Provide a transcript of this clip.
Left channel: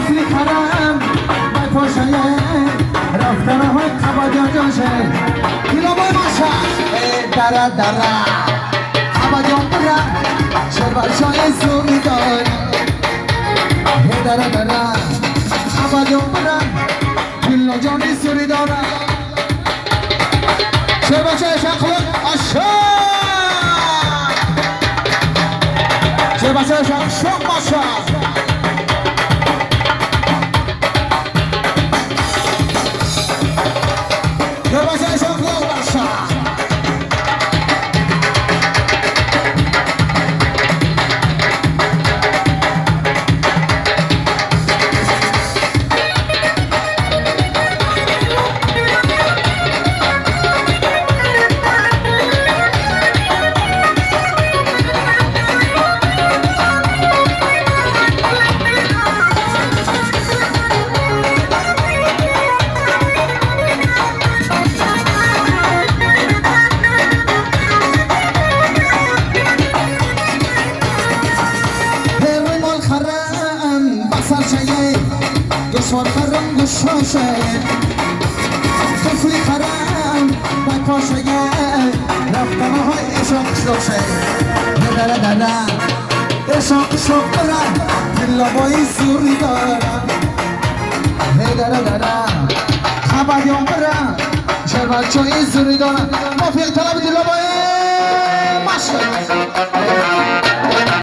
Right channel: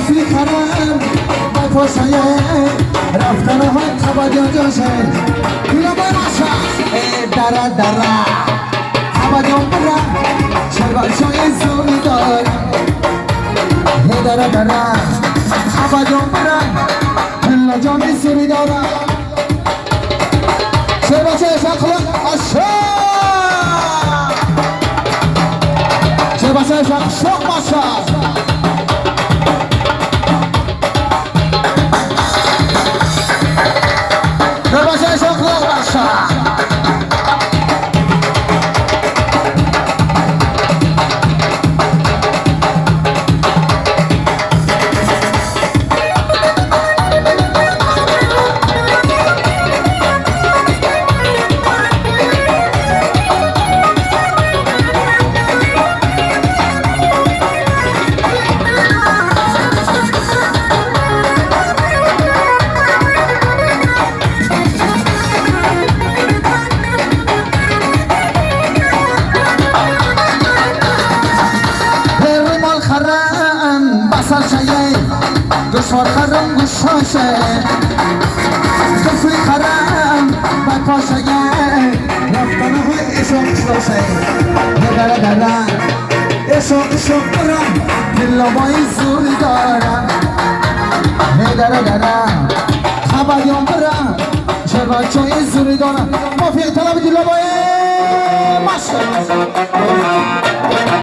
توفی کنم بای پاشای رفتن های خبا جاشه دینا بای باشا درا درا خبا جا برم شربا شای زوری دارم درا درا خبا جا برم دینا جانی زوری دارم شربا شای شخص آشا شربا شای شخص آشا گوشوار خرم گوشاشه توفی خرم بد پاشگه رفتن های اشاق شاشه دره دره اشاق برم دلوای زوری دارم دره دره خبریم برم شرباچوی زوری دارم مافیای طلب دلوای ماشه